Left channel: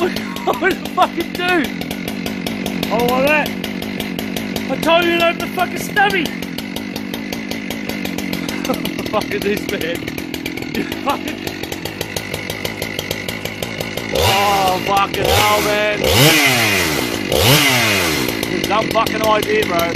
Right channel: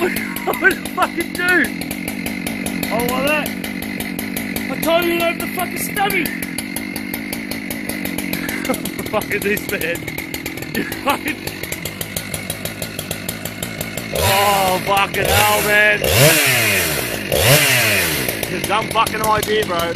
What the fucking do? Oh, like that. I told you not to fucking stubby. What the fuck is this, man? You fucking... Oh, fucking hell, man. There's some fucking idea, bro.